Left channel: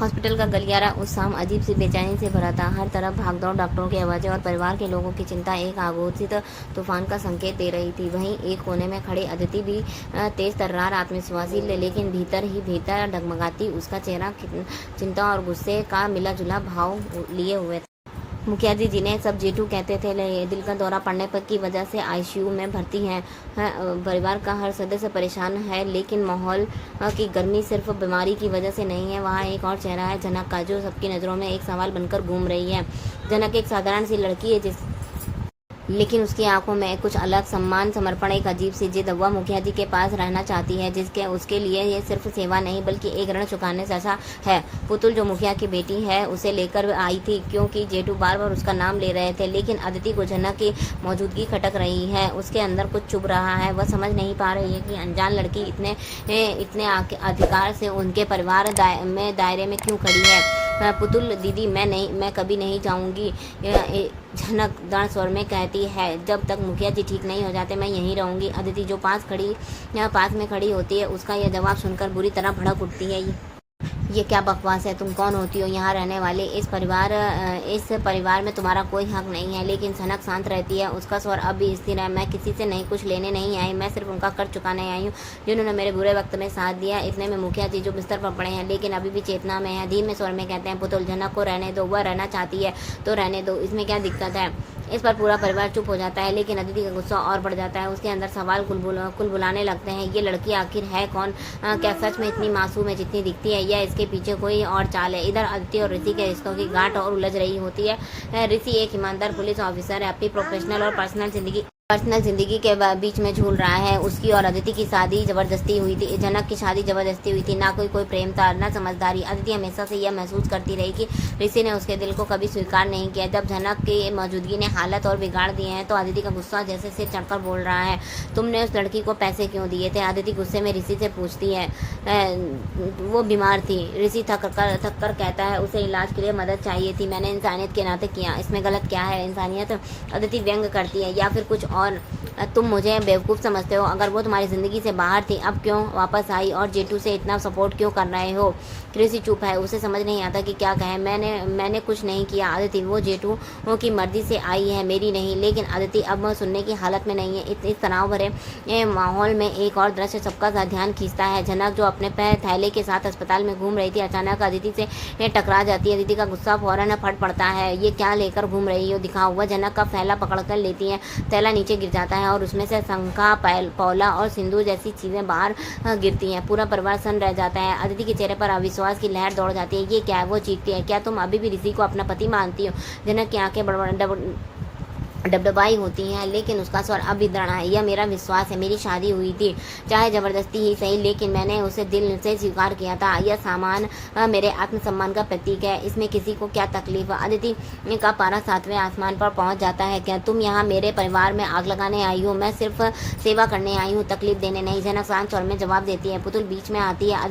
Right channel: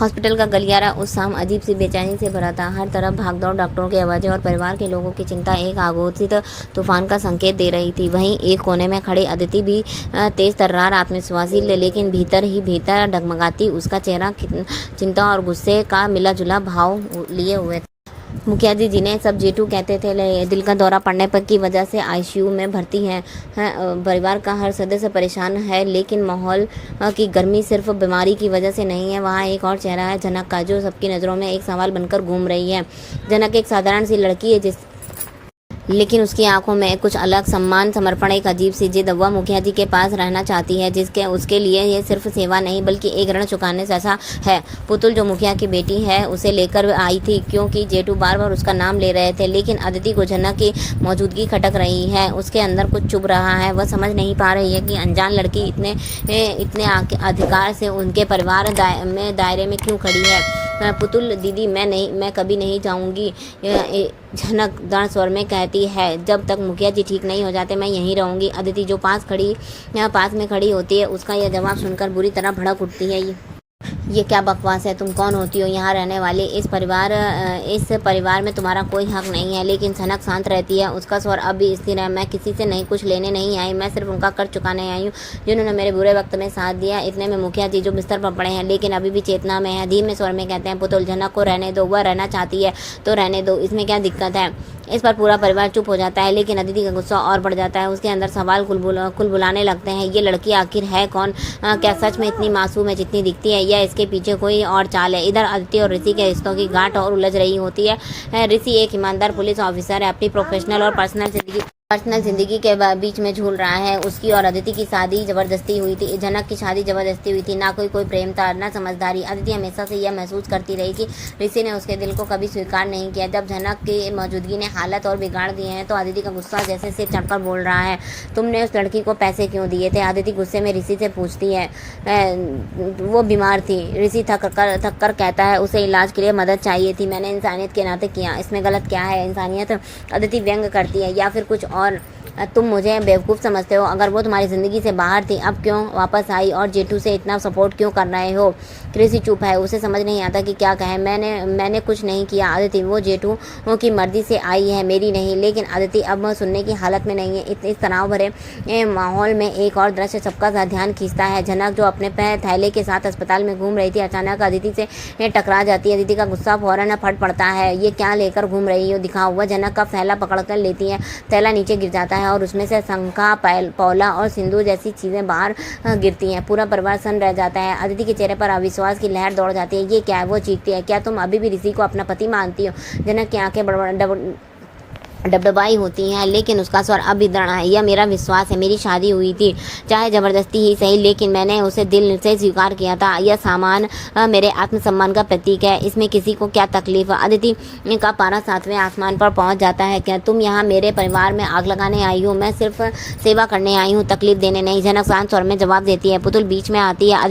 Hospital का गलियारा उस शाम अजीब सी बेचैनी से भरा था। हर तरफ भागदौड़, डॉक्टरों की आवाज़ें और परिवार के लोगों की चिंता एक आघोषित तूफान का संकेत दे रही थी। वहीं एक कोने में खड़ी अदिति भी तेज तर्रार, आत्मविश्वासी, लेकिन भीतर ही भीतर डगमगाती। उसका चेहरा चिंता और गुस्से का मिला जुला भाव लिए हुए था। मुखिया जी ने सब जेठू कहते थे दिल का दौरा पड़ने पर की वजह से आईसीयू में भर्ती हैं। परिवार का हर सदस्य परेशान है, लेकिन माहौल की गर्मी सिर्फ बीमारी की वजह से नहीं है। वहाँ एक और चेहरा है, जनक का, जो सबकी नज़रों में एक सवाल बनकर घूम रही है। जनक एक साधारण सी लड़की है, लेकिन उसकी आंखों में कुछ अलग, सम्मान, समर्पण, एक अजीब सी जिद। वह मुखिया जी के पास रहना चाहती है, जिसके उसके लिए ये सिर्फ सेवा नहीं बल्कि एक ऋण चुकाने जैसा है। पुतुल जो मुखिया की बेटी है उसे लेकर आई थी, क्योंकि जेठू बार बार उसका नाम ले रहे थे। लेकिन अदिति को जनक की मौजूदगी खटक रही है। उसके अंदर कुछ चुभ रहा है। वह समझ नहीं पा रही है कि अनजान लड़की इतने अधिकार से उनके परिवार में दायरे में क्यों खड़ी है। पुतुल दीदी, मैं कभी नहीं जाऊंगी, झनक दृढ़ स्वर में कहती है। जब तक मुखिया जी ठीक नहीं हो जाते मैं यहीं रहूंगी। अदिति जो पास में खड़ी होती है, उसका यह जवाब सुनकर बुरी तरह भड़क उठती है। ये क्या बकवास है? तुम कौन होती हो यहाँ रहने वाले? इस परिवार में तुम्हारा कोई हक नहीं है। लेकिन सनक शांत रहती है। उसका स्वर अब भी स्थिर है। मैं किसी से नहीं कुछ लेने नहीं आई, मैं सिर्फ उनका कर्ज चुकाने आई हूँ, जिन्होंने मेरे बुरे वक्त में साथ दिया। इतने में मुखिया जी जो बिस्तर पर पड़े हैं लेकिन अभी भी चेतना में है, धीमे स्वर में कहते हैं, पुतुल, जनक को रहने दो, वह रहना चाहती है तो रहने दो, इसमें क्या दिक्कत है? इस पर पूरा परिवार चुप हो जाता है, लेकिन अदिति का गुस्सा और बढ़ जाता है। उसके अंदर सवाल कुल बुलाने लगते हैं। ये लड़की आखिर है कौन? क्या सच में इतनी मासूम है जितनी दिखती है, या इसके पीछे कोई और चाल है? इधर अदिति और ऋषि के रिश्तों की गांठ और उलझ रही होती है। ऋषि एक ईमानदार पुलिस ऑफिसर है, अपनी प्रोफेशनल और पर्सनल जिंदगी के बीच में झूल रहा है। उसकी और अदिति की शादी जबरदस्ती हुई थी। जनक की शादी जबरदस्ती हुई थी, ना कोई प्रेम था, ना समझदारी। अदिति हमेशा से यह महसूस करती रही कि ऋषि ने उसके दिल को कभी स्वीकार नहीं किया। जब जनक की मौजूदगी ने हालत और बिगाड़ दिए हैं तो अदिति का गुस्सा जैसे सिर चढ़कर बोल रहा है, तुमने उस लड़की को पैसे क्यों दिए थे? अदिति गुस्से में ऋषि से पूछती है। वो बीमार थी, ऋषि थक कर कहता है। उसे इलाज के लिए मदद चाहिए थी, मैंने इंसानियत के नाते किया। इसमें गलत क्या है? इंसानियत? अदिति व्यंग करती है। या फिर कुछ और? तुम मुझे बेवकूफ़ समझते हो? अगर वो तुम्हारी ज़िंदगी से बाहर थी, अब क्यों वापस आई और जेठू से इतना सपोर्ट क्यों कर रहे हो? ऋषि चुप है, उसे समझ नहीं आता कि क्या कहे। मैंने कुछ नहीं किया अदिति, वो जेठू की मर्जी से आई है, मेरी नहीं। लेकिन अदिति अब सुनने की हालत में नहीं है। इस तनाव भरे माहौल में एक और दृश्य सबका ध्यान खींचता है। जनक जो अपने थैले के साथ अस्पताल में घूम रही थी, अचानक अदिति से टकरा जाती है। अदिति का गुस्सा फौरन फट पड़ता है। ये क्या लेकर घूम रही हो? दिखाओ। वह जनक का थैला पकड़ कर लेती है। थैला नीचे गिर जाता है और उसमें से शंखा, पौला और सिंदूर जैसी चीजें बाहर गिरती हैं। पूरा परिवार सन्न रह जाता है। अदिति के चेहरे पर अविश्वास की लहर दौड़ जाती है। ये क्या है? वो चीखती है, क्या तुम अभी भी ऋषि को अपना पति मानती हो? जनक की आंखें डबडबाई होती हैं, लेकिन उसका स्वर अब भी दृढ़ है। यह मेरा विश्वास है, मेरी शादी हुई थी, चाहे जबरदस्ती ही सही, लेकिन मैंने उसे दिल से स्वीकार किया था। यह सामान मेरे आत्मसम्मान का प्रतीक है। इसमें किसी को क्या तकलीफ? अदिति का पारा 7वें आसमान पर पहुंच जाता है। क्या तुम यहाँ मेरे परिवार में आग लगाने आई हो? मैं सिर्फ सेवा करने आई हूँ, तकलीफ देने नहीं। जनक शांत स्वर में जवाब देती है। पुतुल बीच में आती है।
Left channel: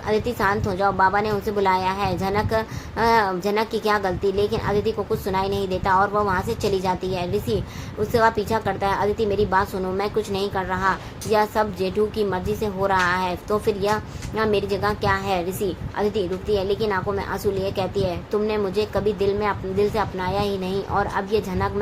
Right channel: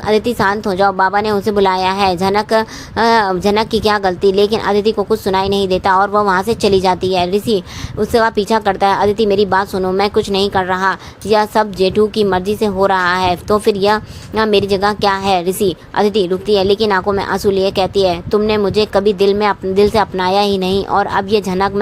अदिति शांत हो जाओ, बाबा ने उसे बुलाया है। जनक की क्या गलती? लेकिन अदिति को कुछ सुनाई नहीं देता और वह वहाँ से चली जाती है। ऋषि उससे वह पीछा करता है। अदिति, मेरी बात सुनो, मैं कुछ नहीं कर रहा, यह सब जेठू की मर्जी से हो रहा है, तो फिर यह मेरी जगह क्या है? ऋषि। अदिति रुकती है, लेकिन आंखों में आंसू लिए कहती है, तुमने मुझे कभी दिल से अपनाया ही नहीं, और अब ये झनक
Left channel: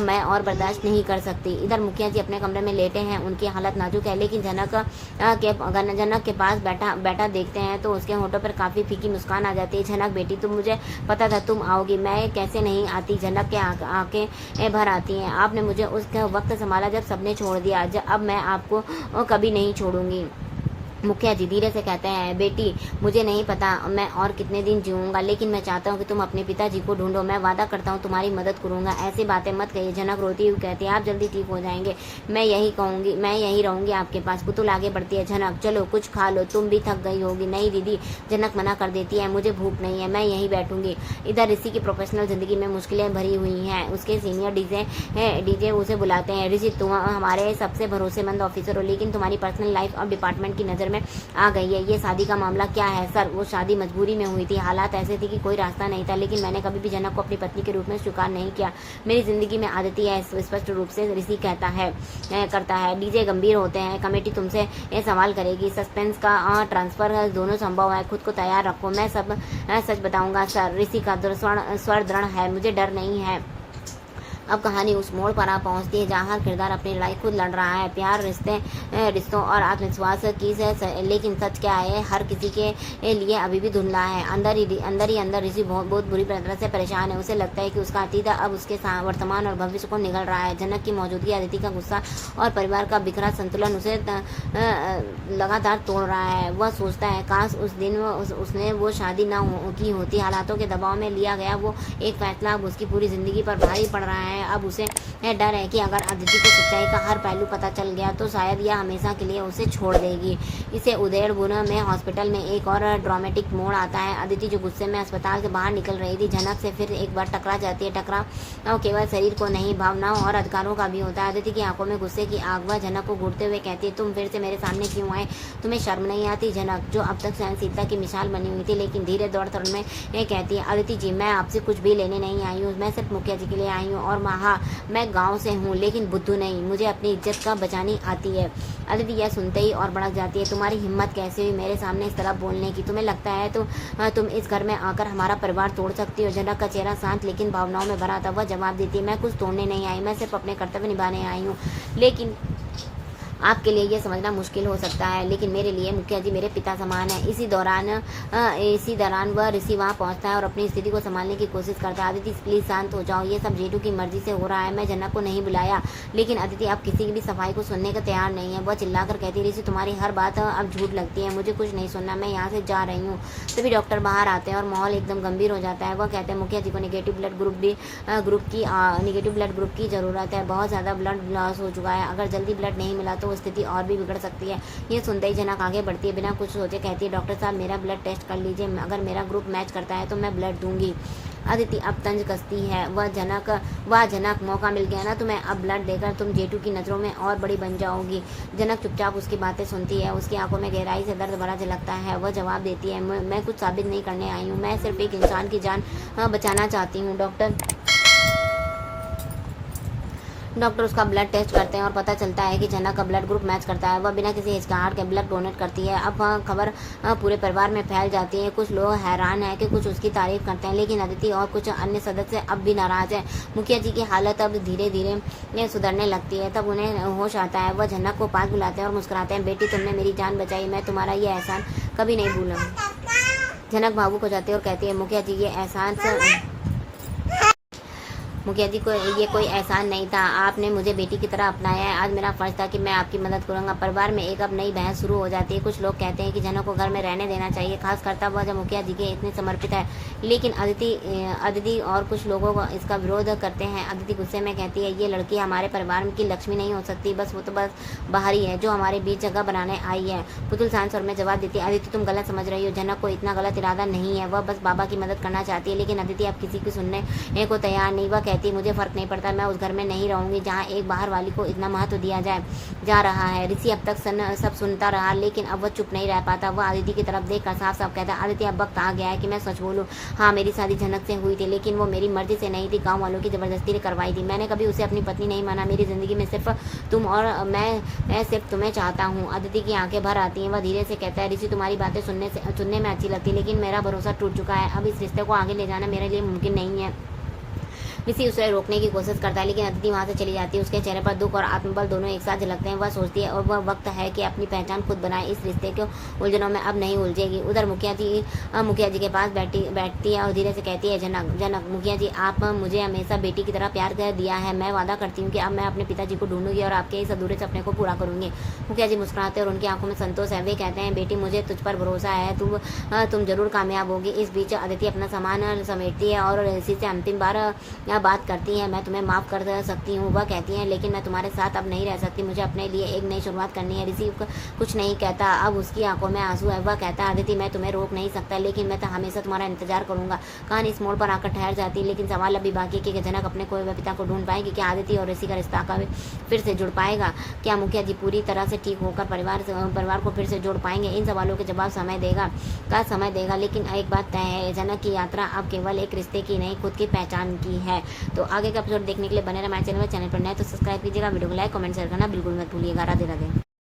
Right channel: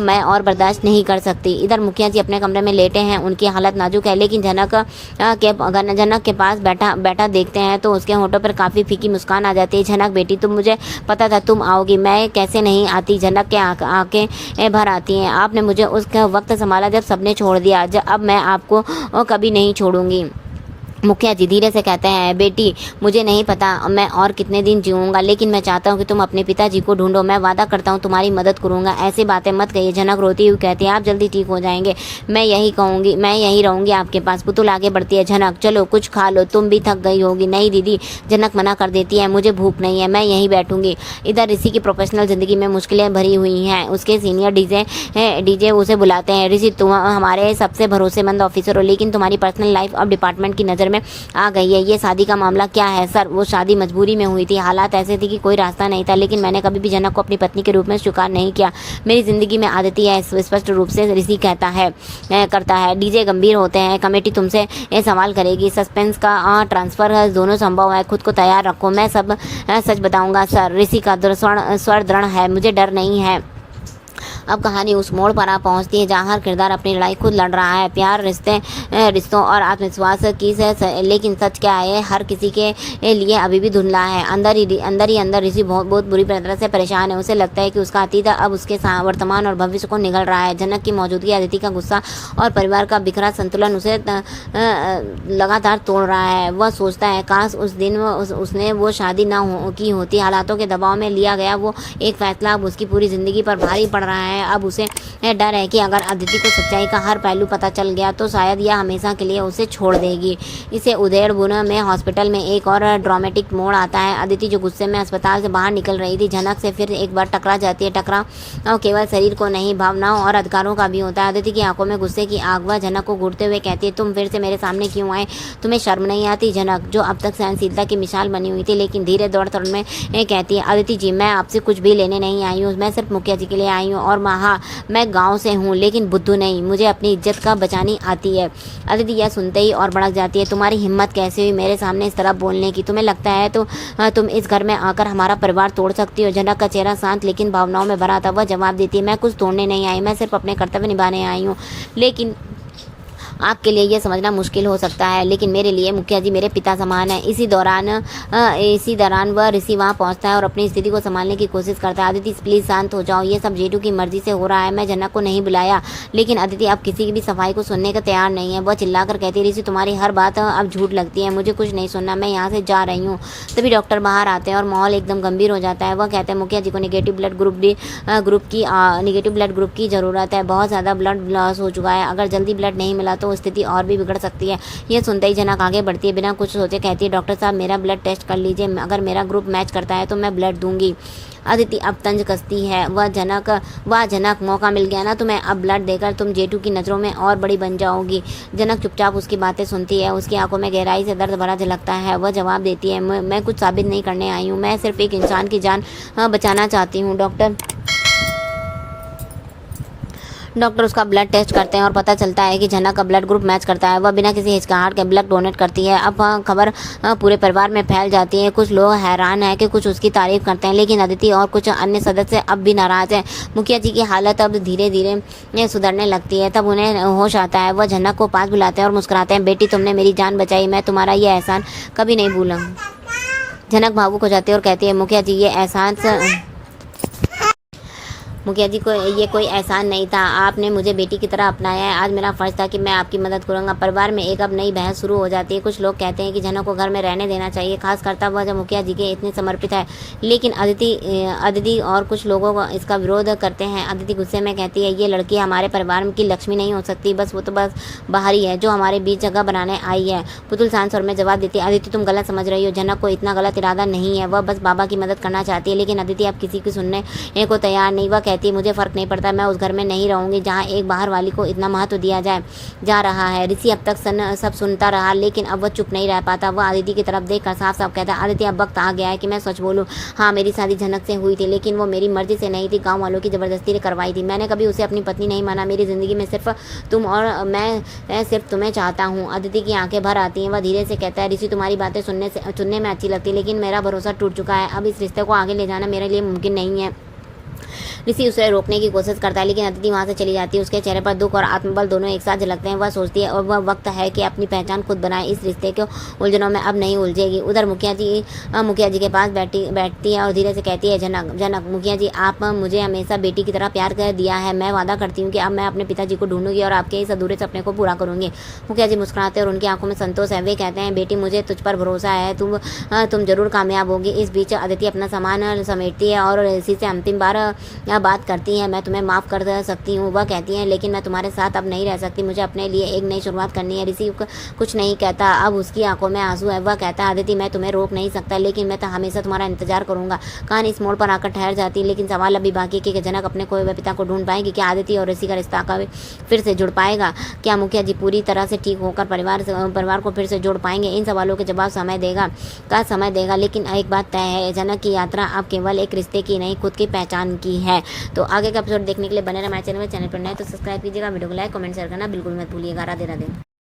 मैं और बर्दाश्त नहीं कर सकती। इधर मुखिया जी अपने कमरे में लेटे हैं। उनकी हालत नाजुक है, लेकिन जनक के पास बैठा देखते हैं तो उसके होठों पर काफी फीकी मुस्कान आ जाती है। झनक बेटी, तुम, मुझे पता था तुम आओगी, मैं कैसे नहीं आती? जनक के आंखें भर आती हैं। आपने मुझे उस वक्त संभाला जब सबने छोड़ दिया, अब मैं आपको कभी नहीं छोड़ूंगी। मुखिया जी धीरे से कहते हैं, बेटी, मुझे नहीं पता मैं और कितने दिन जीऊँगा, लेकिन मैं चाहता हूँ कि तुम अपने पिताजी को ढूंढो। मैं वादा करता हूँ तुम्हारी मदद करूँगा। ऐसी बातें मत कहिए। जनक रोती हुई कहती है, आप जल्दी ठीक हो जाएंगे, मैं यही रहूँगी आपके पास। पुतुल आगे बढ़ती है। जनक, चलो कुछ खा लो, तुम भी थक गई होगी। नहीं दीदी, जनक मना कर देती है, मुझे भूख नहीं है, मैं यहीं बैठूंगी। इधर ऋषि की प्रोफेशनल जिंदगी में मुश्किलें भरी हुई हैं। उसके सीनियर डीजे उसे बुलाते हैं। ऋषि, तुम हमारे सबसे भरोसेमंद ऑफिसर हो, लेकिन तुम्हारी पर्सनल लाइफ अब डिपार्टमेंट की नज़र नज़र में आ गई है। ये शादी का मामला क्या है सर? वो शादी मजबूरी में हुई थी, हालात ऐसे थे कि कोई रास्ता नहीं था, लेकिन मैंने कभी भी जनक को अपनी पत्नी के रूप में स्वीकार नहीं किया। मेरी ज़िंदगी में आदती है, स्पष्ट रूप से ऋषि करता है। डीजे गंभीर होते हैं, कमेटी तुमसे ये सवाल करेगी, सस्पेंस का ट्रांसफ़र दोनों संभव है, खुद को तैयार रखो, मैं सब सच बताऊंगा सर। ऋषि का स्वर दृढ़ है, मुझे डर नहीं है। अब कहानी उस मोड़ पर आ पहुंचती है जहां हर किरदार अपनी लड़ाई खुद लड़ रहा है। प्यार, रिश्तों और आत्मविश्वास की लेकिन सच क्या है, हर किसी के लिए अभी भी धुंधला है। अंदर ऋषि बहुत बुरी तरह से परेशान है। उसे लगता है कि उसका अतीत अब उसके वर्तमान और भविष्य को निगल रहा है। जनक की मौजूदगी, अदिति का गुस्सा और परिवार का बिखरा संतुलन उसे लगातार तोड़ रहा है। वह सोचता है काश उस दिन उसने वो शादी की होती। हालातों के दबाव में लिया गया वो एक फैसला अब उसकी पूरी जिंदगी पर भारी पड़ रहा है। अब उसे डर है कि अगर अदिति को सच्चाई का हर पहलू पता चल गया तो शायद यह हमेशा के लिए उसे छोड़ देगी। इसे उदयपुर में हॉस्पिटल में एक और ड्रामेटिक मोड़ आता है। अदिति जो गुस्से में अस्पताल से बाहर निकल रही थी, जनक से फिर एक बार टकरा जाती है। टकराव केवल शरीर को नहीं, भावनाओं और अधिकारों का भी होता है। अदिति की आंखों में गुस्से की आग। वह जनक को घूरते हुए कहती है, तुम फिर से मेरे सामने क्यों आए? तुम्हें शर्म नहीं आती? जनक, जो अब तक सहनशीलता की मिसाल बनी हुई थी, लेकिन धीरे दौड़ तौड़ में कहती है, अदिति जी, मैं आपसे कुछ भी लेने नहीं आई हूँ, मैं सिर्फ मुखिया जी के लिए आई हूँ। और हाँ, मैं गांव से हूँ, लेकिन बुद्धू नहीं, मुझे अपनी इज्जत का बचानी आती है। अदिति यह सुनते ही और भड़क जाती है, तुम्हारी हिम्मत कैसे हुई मेरे सामने इस तरह बोलने की? तुम्हें लगता है तो तुम इस घर में आकर हमारा परिवार तोड़ सकती हो? जनक का चेहरा शांत लेकिन भावनाओं में भरा था। वह जवाब देती है, मैं कुछ तोड़ने नहीं आई, मैं सिर्फ अपने कर्तव्य निभाने आई हूँ। लेकिन आपके लिए यह समझना मुश्किल हो सकता है, लेकिन मेरे लिए मुखिया जी मेरे पिता समान है। इसी दौरान वह ऋषि वहाँ पहुँचता है और अपनी स्थिति को संभालने की कोशिश करता है। अदिति, प्लीज़ शांत हो जाओ, ये सब जेठू की मर्जी से हो रहा है, मैं जनक को नहीं बुलाया। लेकिन अदिति अब किसी की भी सफाई को सुनने का तैयार नहीं है। वह चिल्लाकर कहती है, ऋषि तुम्हारी हर बात अब झूठ लगती है, मुझे कुछ नहीं सुनना, मैं यहाँ से जा रही हूँ। तभी डॉक्टर बाहर आते हैं और माहौल एकदम गंभीर हो जाता है। वह कहते हैं, मुखिया जी को नेगेटिव ब्लड ग्रुप की ज़रूरत है, बहुत ज़्यादा ब्लड लॉस हो चुका है, अगर जल्दी ब्लड नहीं मिला तो स्थिति और भी बिगड़ सकती है। यह सुनते ही जनक आगे बढ़ती है, बिना कुछ सोचे कहती है, डॉक्टर साहब मेरा ब्लड टेस्ट कर लीजिए, अगर मेरा ग्रुप मैच करता है तो मैं ब्लड दूंगी। अदिति अब तंज कसती है, वह जनक, मौका मिल गया ना तुम्हें, अब ब्लड देकर तुम जेठू की नज़रों में और बड़ी बन जाओगी। जनक चुपचाप उसकी बातें सुनती है, उसकी आंखों में गहराई से दर्द भरा झलकता है। वह जवाब देती है, मैं कुछ साबित नहीं करने आई हूँ, मैं सिर्फ एक इंसान की जान बचाना चाहती हूँ। डॉक्टर उसका ब्लड टेस्ट करते हैं और पता चलता है कि जनक का ब्लड ग्रुप मैच करता है। वह बिना किसी हिचकिचाहट के ब्लड डोनेट करती है। अब खबर पूरे परिवार में फैल जाती है। कुछ लोग हैरान है कि कुछ उसकी तारीफ करते हैं, लेकिन अदिति और कुछ अन्य सदस्य अब भी नाराज हैं। मुखिया जी की हालत अब धीरे धीरे सुधरने लगती है। तब उन्हें होश आता है। वह जनक को पास बुलाते हैं और मुस्कुराते हैं, बेटी तुमने मेरी जान बचाई, मैं तुम्हारा ये एहसान कभी नहीं भूलूंगी। जनक भावुक हो जाती है और कहती है, मुखिया जी ये कोई एहसान नहीं था, आपने मुझे बेटी की तरह अपनाया है। आज मेरा फर्ज था कि मैं आपकी मदद करूंगा। परिवार में एक अब नई बहस शुरू हो जाती है। कुछ लोग कहते हैं कि जनक को घर में रहने देना चाहिए, खास करता वह जब मुखिया जी के इतने समर्पित है, लेकिन अदिति और कुछ लोगों को इसका विरोध करते हैं। अदिति गुस्से में कहती है, ये लड़की हमारे परिवार की लक्ष्मी नहीं हो सकती, वो तो बस बाहरी है जो हमारे बीच जगह बनाने आई है। पुतुल शांत स्वर में जवाब देती है, अदिति तुम गलत समझ रही हो, जनक को इतना गलत इरादा नहीं है, वह बस बाबा की मदद करना चाहती है। लेकिन अदिति अब किसी की सुनने को तैयार नहीं। वह कहती है, मुझे फर्क नहीं पड़ता, मैं उस घर में नहीं रहूंगी जहाँ एक बाहर वाली को इतना महत्व दिया जा रहा है। ऋषि अब तक सब सुनता रहा, लेकिन अब वह चुप नहीं रह पाता। वह अदिति की तरफ देखकर साफ साफ कहता है, अदिति अब वक्त आ गया है कि मैं सच बोलूं। हाँ, मेरी शादी जनक से हुई थी, लेकिन वो मेरी मर्जी से नहीं थी, गाँव वालों की जबरदस्ती ने करवाई थी। मैंने कभी उसे अपनी पत्नी नहीं माना। मेरी जिंदगी में सिर्फ तुम और मैं सिर्फ तुम्हें चाहता हूँ। अदिति की आंखें भर आती हैं। वह धीरे से कहता है, ऋषि तुम्हारी बातें सुनने में अच्छी लगती, लेकिन मेरा भरोसा टूट चुका है। अब इस रिश्ते को आगे ले जाना मेरे लिए मुमकिन नहीं है। ऋषि उसे रोकने की कोशिश करता है, लेकिन अदिति वहाँ से चली जाती है। उसके चेहरे पर दुख और आत्मबल दोनों एक साथ झलकते हैं। वह सोचती है और वह वक्त है कि अपनी पहचान खुद बनाए, इस रिश्ते के उलझनों में अब नहीं उलझेगी। उधर मुखिया जी के पास बैठती है और धीरे से कहती है, जनक मुखिया जी, आप मुझे हमेशा बेटी की तरह प्यार कर दिया है। मैं वादा करती हूँ कि अब मैं अपने पिताजी को ढूंढूंगी और आपके इस अधूरे सपने को पूरा करूंगी। मुखिया जी मुस्कुराते हैं और उनकी आंखों में संतोष है। वे कहते हैं, बेटी मुझे तुझ पर भरोसा है, तुम जरूर कामयाब होगी। इस बीच अदिति अपना सामान समेटती है और ऋषि से अंतिम बार बात करती है, मैं तुम्हें माफ़ कर सकती हूँ। वह कहती है लेकिन मैं तुम्हारे साथ अब नहीं रह सकती, मुझे अपने लिए एक नई शुरुआत करनी है। ऋषि कुछ नहीं कहता, अब उसकी आंखों में आंसू है। वह कहता है अदिति मैं तुम्हें रोक नहीं सकता, लेकिन मैं तो हमेशा तुम्हारा इंतजार करूंगा। कहानी इस मोड़ पर आकर ठहर जाती, लेकिन सवाल अभी बाकी है कि जनक अपने खोए हुए पिता को ढूंढ पाएगी क्या? आदिति और ऋषि का रिश्ता का फिर से जुड़ पाएगा क्या? मुखिया जी पूरी तरह से ठीक होकर परिवार को फिर से जोड़ पाएंगे? इन सवालों के जवाब समय देगा। लेकिन एक बात तय है, जनक की यात्रा अब केवल एक रिश्ते की नहीं, खुद की पहचान की है। तो आगे का एपिसोड देखने के लिए बने रहे हमारे चैनल पर नए तो सब्सक्राइब कीजिएगा, वीडियो को लाइक कमेंट शेयर करना बिल्कुल मत भूलिएगा। राधे राधे।